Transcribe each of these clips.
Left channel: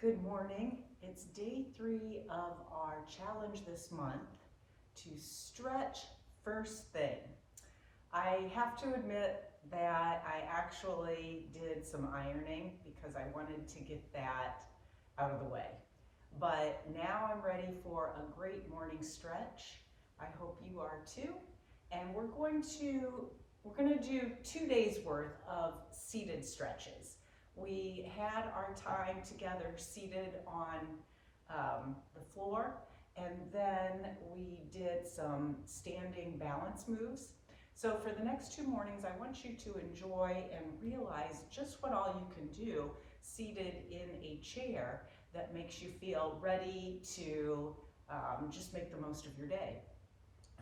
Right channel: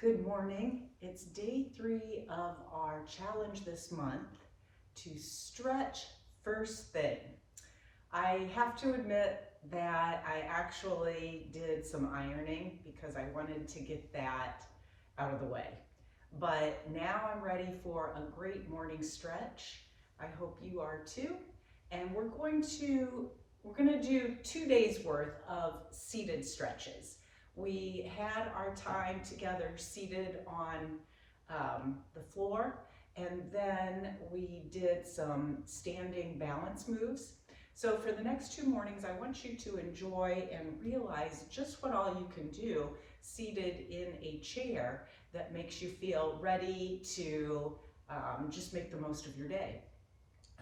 Good morning. It's day 3 of our challenge this month to stretch first thing. I have to admit that I actually did some ironing because I wanted to get that out of the way. But now I'm ready for a great morning stretch. I hope you are too. And we're going to do 2 days worth of seated stretches. We had our time together seated on the floor, and then we did some standing balance moves. So for the next 2 mornings, I want you to enjoy and realize just what all you can do seated in a chair that makes you feel ready to just make the most of your day.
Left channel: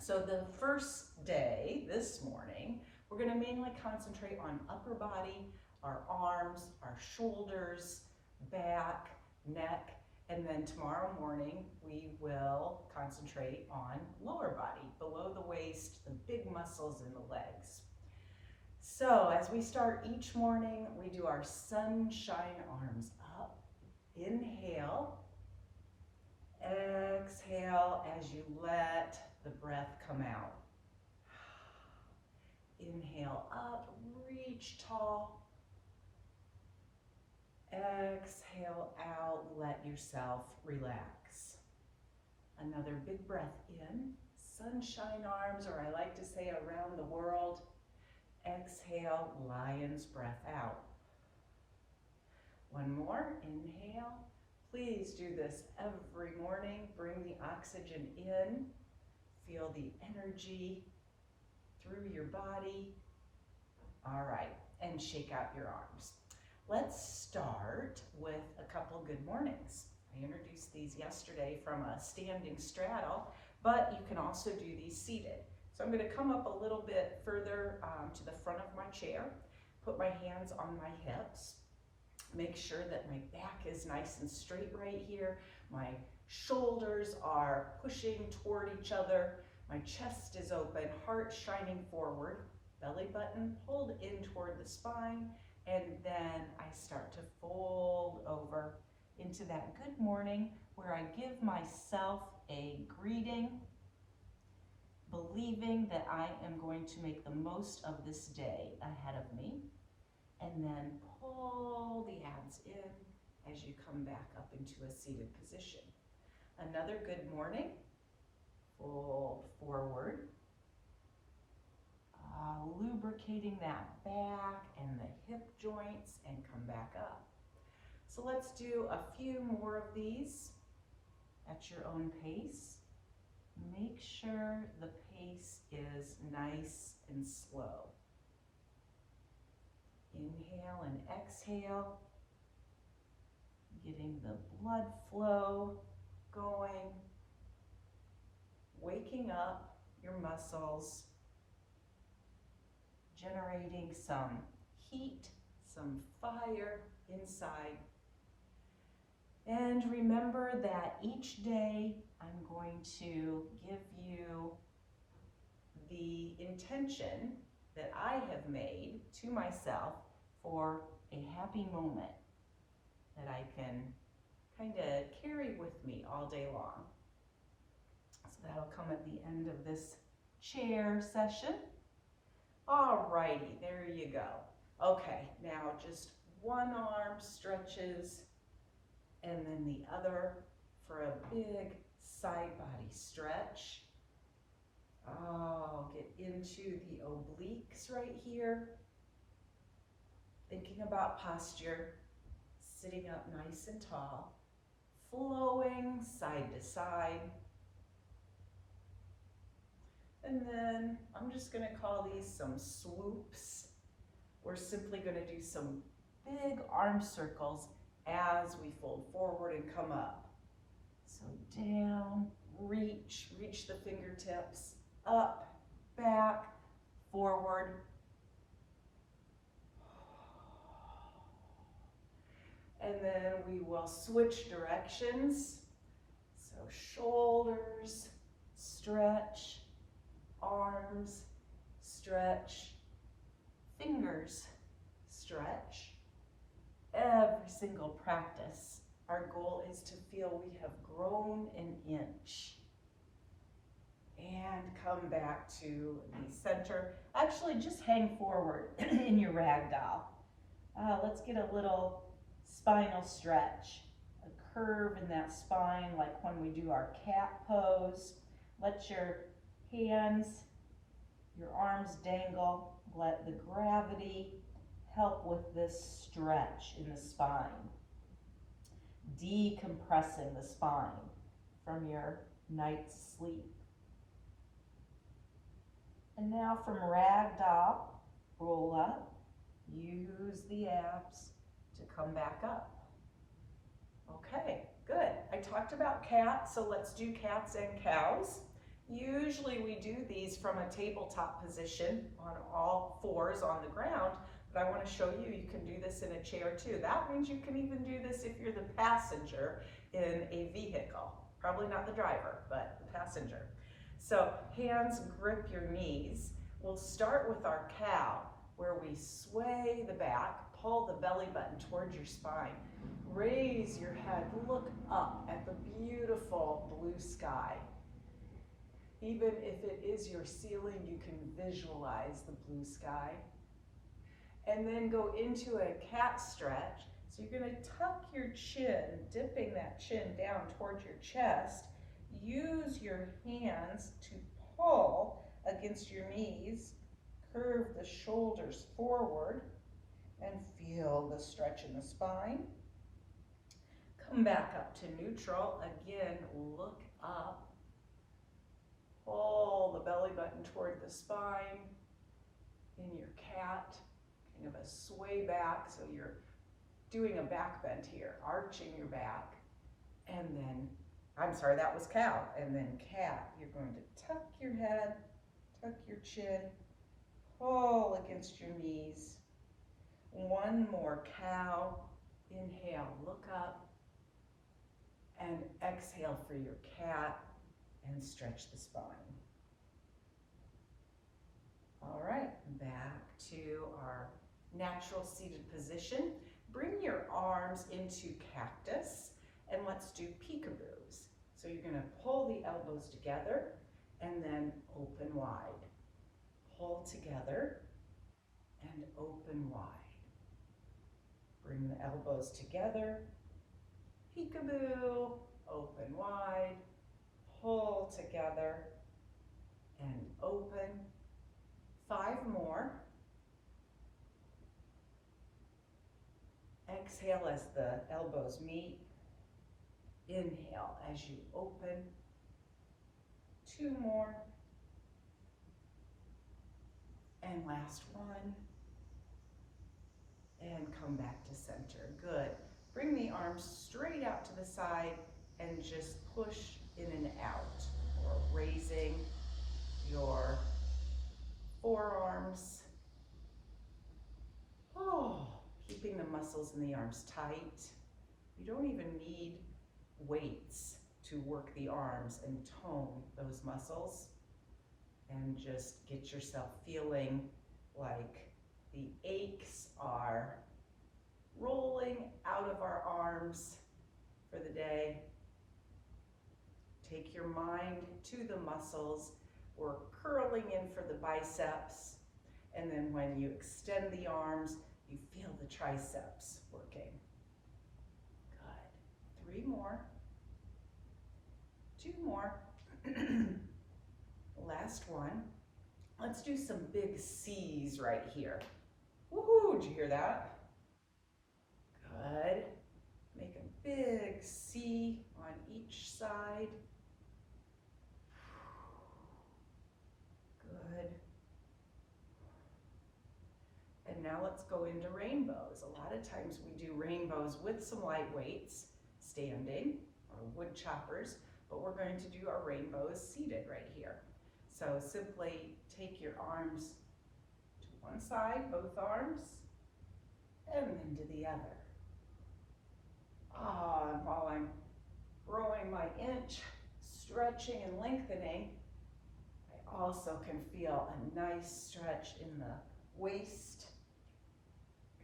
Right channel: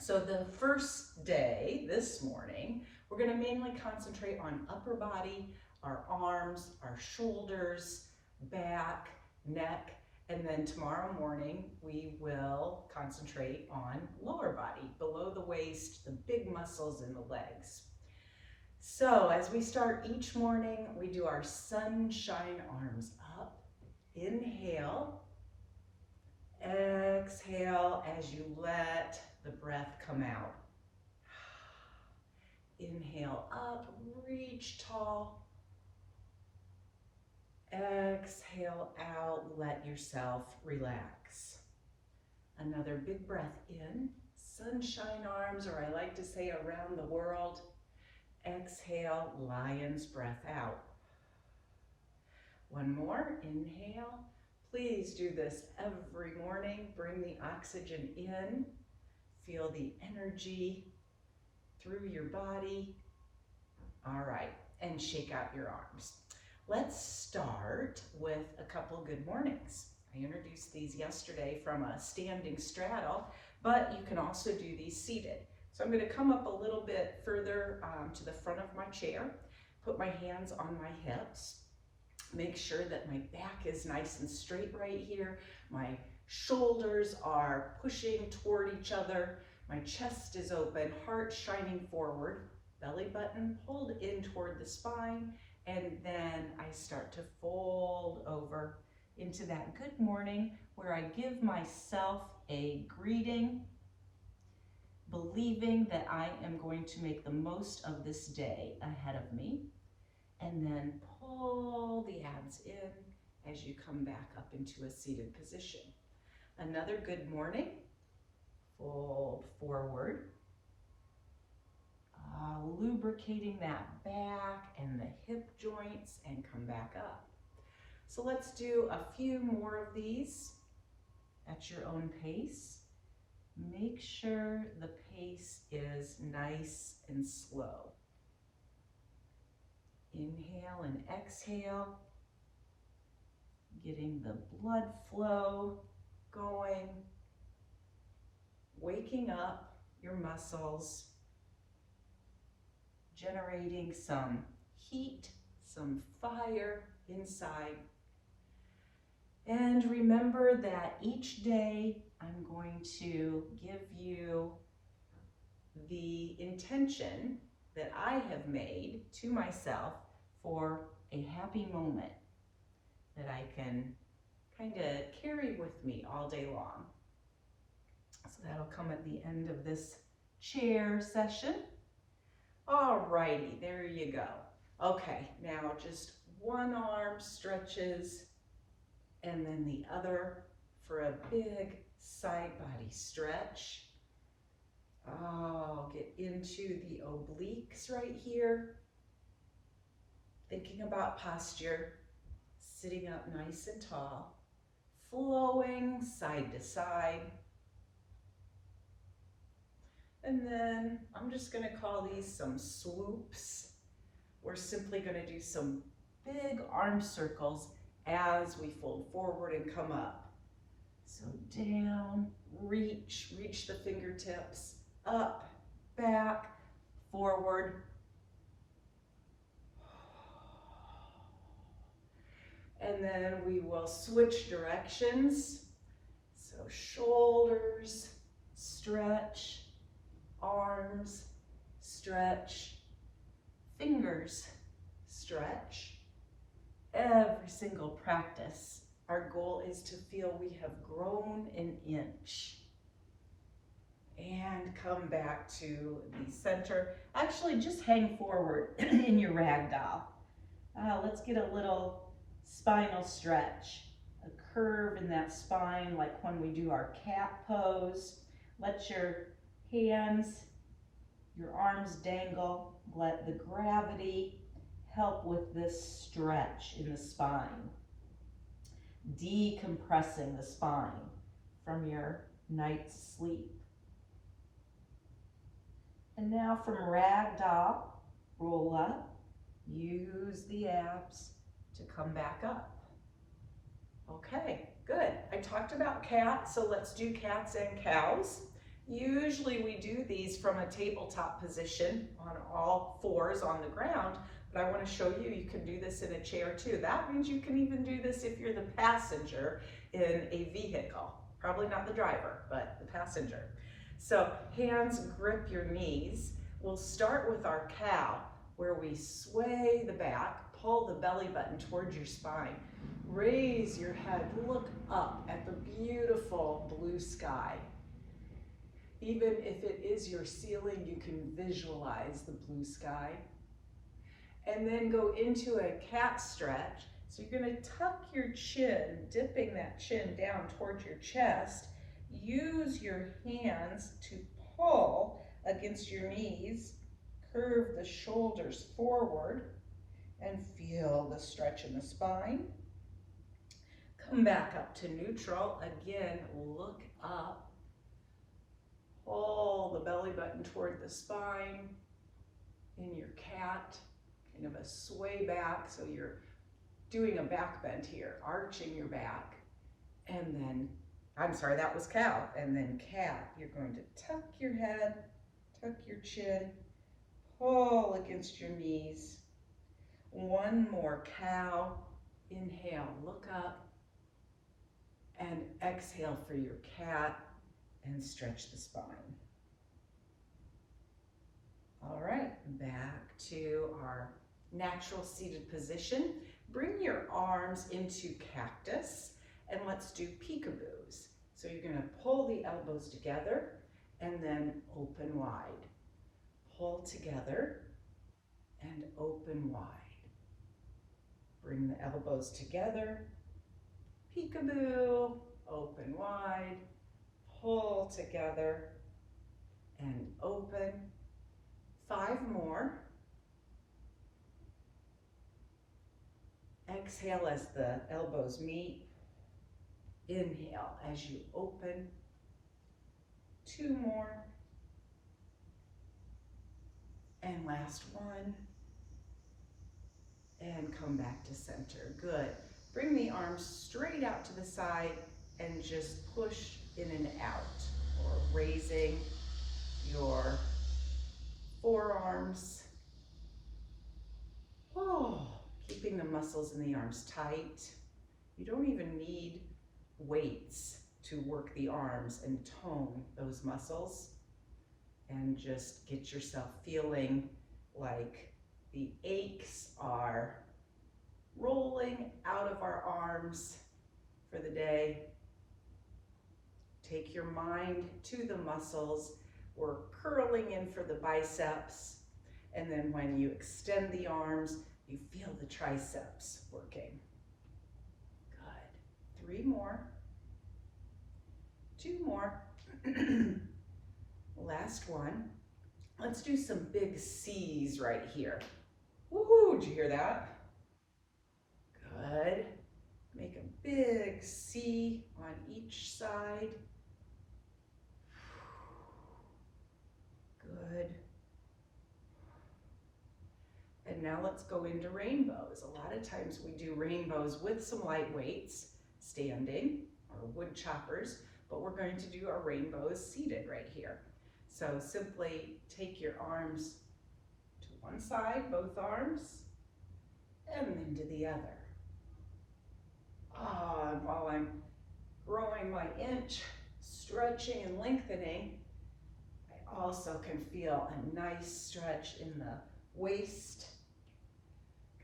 So the first day, this morning, we're going to mainly concentrate on upper body, our arms, our shoulders, back, neck, and then tomorrow morning we will concentrate on lower body, below the waist, the big muscles in the legs. So as we start each morning, we do our sunshine arms up. Inhale. Exhale as you let the breath come out. Inhale up, reach tall. Exhale out, let yourself relax. Another big breath in, sunshine arms, or I like to say around the world. Exhale, lion's breath out. One more, inhale. Please do this every morning. Bring the oxygen in. Feel the energy through your body. All right, and shake out your arms. Let's start with a couple good mornings. I introduced these yesterday from a standing straddle, but you can also do these seated. So I'm going to come up a little bit further to the front of my chair, put my hands on my hips. Make sure that my back is nice and straight right here. My shoulders are pushing toward each other. My chest is open, heart shining forward, belly button pulled in toward the spine, and then I start to fold over into that good morning where I give myself a greeting, believing that I am going to make the most of this day ahead of me. And then pull the abs in as you come back up into a seated position. Another good morning. Fold forward. Lubricating that back and the hip joints and come back up. So let's do a few more of these at your own pace. Make sure the pace is nice and slow. Inhale and exhale, getting the blood flow going, waking up your muscles, generating some heat, some fire inside. And remember that each day I'm going to give you the intention that I have made to myself for a happy moment that I can kind of carry with me all day long. So that'll come at the end of this chair session. All righty, there you go. Okay, now just one arm stretches and then the other for a big side body stretch. Oh, get into the obliques right here. Thinking about posture, sitting up nice and tall, flowing side to side. And then I'm just going to call these some swoops. We're simply going to do some big arm circles as we fold forward and come up. So down, reach the fingertips, up, back, forward. And then we will switch directions. So shoulders, stretch, arms, stretch, fingers, stretch. Every single practice Our goal is to feel we have grown an inch. And come back to the center. Actually, just hang forward in your rag doll. Let's get a little spinal stretch, a curve in that spine like when we do our cat pose. Let your hands, your arms dangle. Let the gravity help with this stretch in the spine, decompressing the spine from your night's sleep. And now from ragdoll, roll up, use the abs to come back up. Okay, good. I talked about cats, so let's do cats and cows. Usually we do these from a tabletop position on all fours on the ground, but I want to show you, you can do this in a chair too. That means you can even do this if you're the passenger in a vehicle. Probably not the driver, but the passenger. So hands grip your knees. We'll start with our cow, where we sway the back, pull the belly button towards your spine. Raise your head, look up at the beautiful blue sky. Even if it is your ceiling, you can visualize the blue sky. And then go into a cat stretch. So you're going to tuck your chin, dipping that chin down towards your chest. Use your hands to pull against your knees, curve the shoulders forward, and feel the stretch in the spine. Come back up to neutral. Again, look up. Pull the belly button toward the spine in your cat. Kind of a sway back, so you're doing a back bend here, arching your back. And then, I'm sorry, that was cow. And then cat, you're going to tuck your head, tuck your chin, pull against your knees. One more cow. Inhale, look up, and exhale for your cat, and stretch the spine. All right, back to our natural seated position. Bring your arms into cactus, and let's do peekaboos. So you're going to pull the elbows together and then open wide. Pull together and open wide. Bring the elbows together, peekaboo, open wide, pull together and open. 5 more. Exhale as the elbows meet. Inhale as you open. 2 more. And last one. And come back to center. Good. Bring the arms straight out to the side and just push in and out, or raising your forearms. Oh, keeping the muscles in the arms tight. You don't even need weights to work the arms and tone those muscles, and just get yourself feeling like the aches are rolling out of our arms for the day. Take your mind to the muscles. We're curling in for the biceps, and then when you extend the arms, you feel the triceps working. Good. 3 more. 2 more. Last one. Let's do some big C's right here. Woohoo, did you hear that? Good. Make a big C on each side. Good. And now let's go into rainbows. A lot of times we do rainbows with some light weights, standing, or wood choppers, but we're going to do our rainbows seated right here. So simply take your arms to one side, both arms, and then to the other. And while I'm growing my inch, stretching and lengthening, I also can feel a nice stretch in the waist,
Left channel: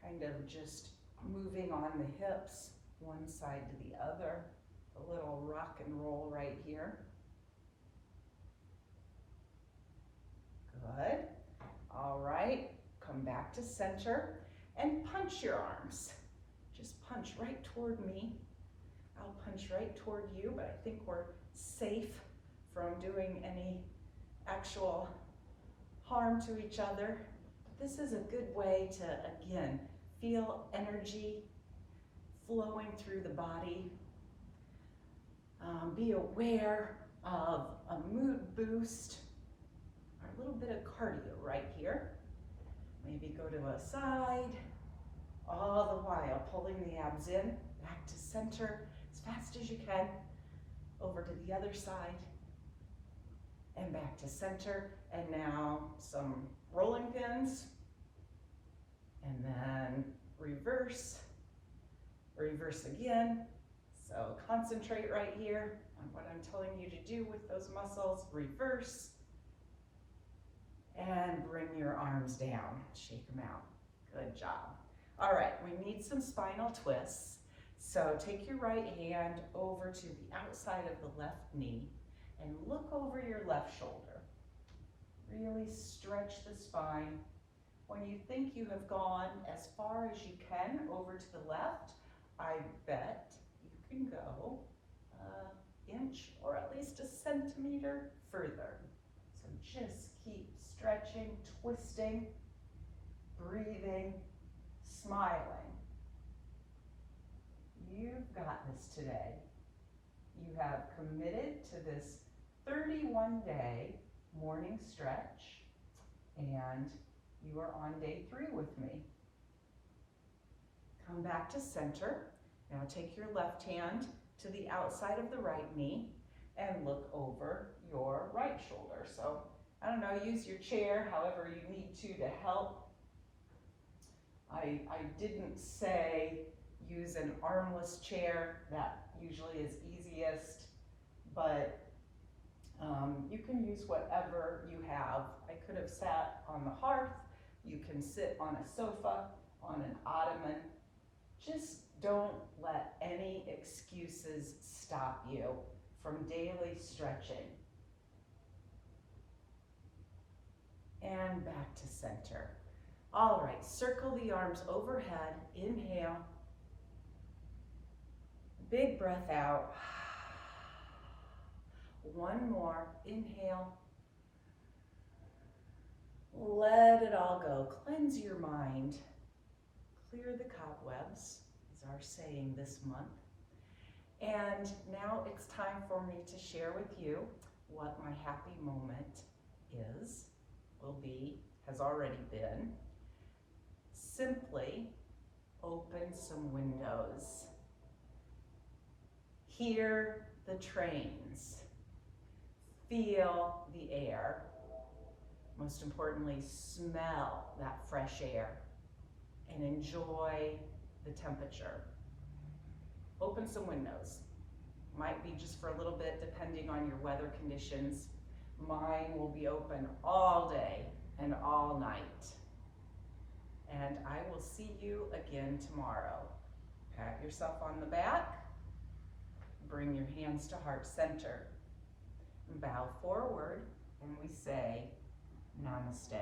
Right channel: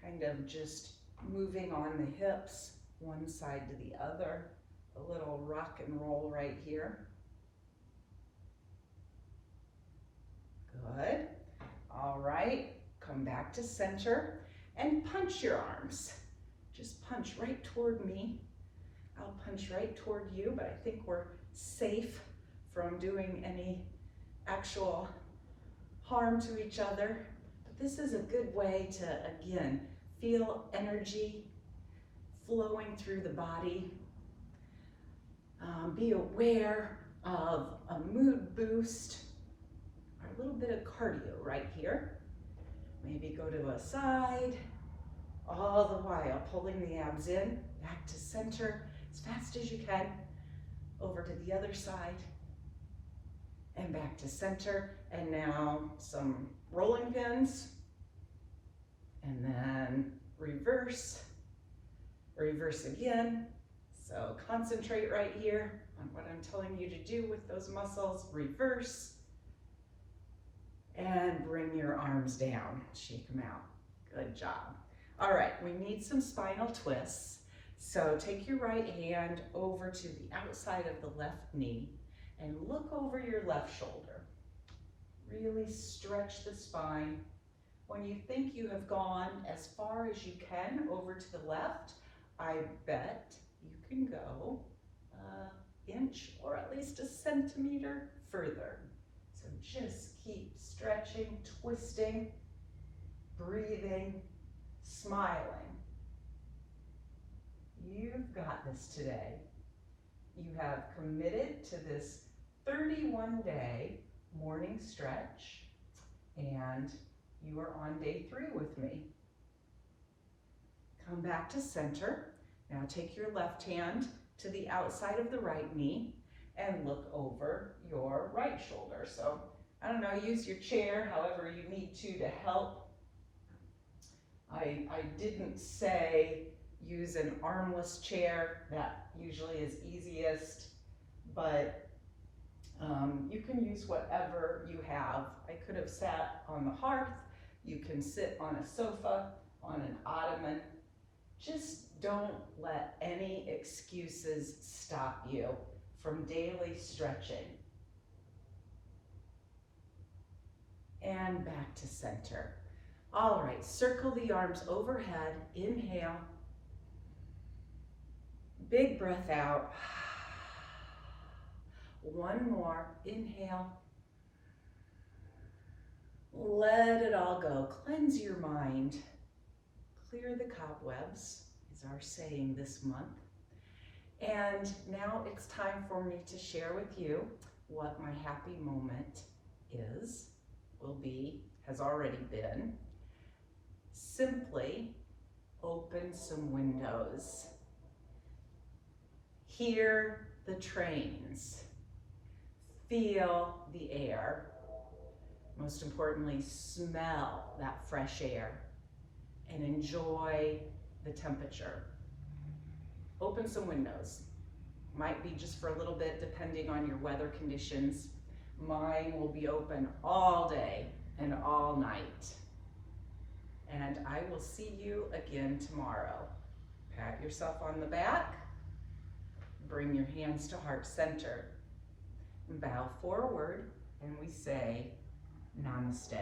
kind of just moving on the hips one side to the other. A little rock and roll right here. Good. All right, come back to center and punch your arms. Just punch right toward me. I'll punch right toward you, but I think we're safe from doing any actual harm to each other. But this is a good way to, again, feel energy flowing through the body. Be aware of a mood boost, or a little bit of cardio right here. Maybe go to a side, all the while pulling the abs in, back to center as fast as you can, over to the other side, and back to center. And now some rolling pins, and then reverse, reverse again. So concentrate right here on what I'm telling you to do with those muscles. Reverse, and bring your arms down, shake them out. Good job. All right, we need some spinal twists. So take your right hand over to the outside of the left knee and look over your left shoulder. Really stretch the spine. When you think you have gone as far as you can over to the left, I bet you can go an inch or at least a centimeter further. So just keep stretching, twisting, breathing, smiling. You've got this today. You have committed to this 31-day morning stretch, and you are on day 3 with me. Come back to center. Now take your left hand to the outside of the right knee and look over your right shoulder. So, I don't know, use your chair however you need to help. I didn't say use an armless chair. That usually is easiest, but you can use whatever you have. I could have sat on the hearth. You can sit on a sofa, on an ottoman. Just don't let any excuses stop you from daily stretching. And back to center. All right, circle the arms overhead. Inhale. Big breath out. One more. Inhale. Let it all go. Cleanse your mind. Clear the cobwebs is our saying this month. And now it's time for me to share with you what my happy moment is, will be, has already been. Simply open some windows. Hear the trains. Feel the air. Most importantly, smell that fresh air and enjoy the temperature. Open some windows. Might be just for a little bit depending on your weather conditions. Mine will be open all day and all night. And I will see you again tomorrow. Pat yourself on the back. Bring your hands to heart center. Bow forward and we say namaste.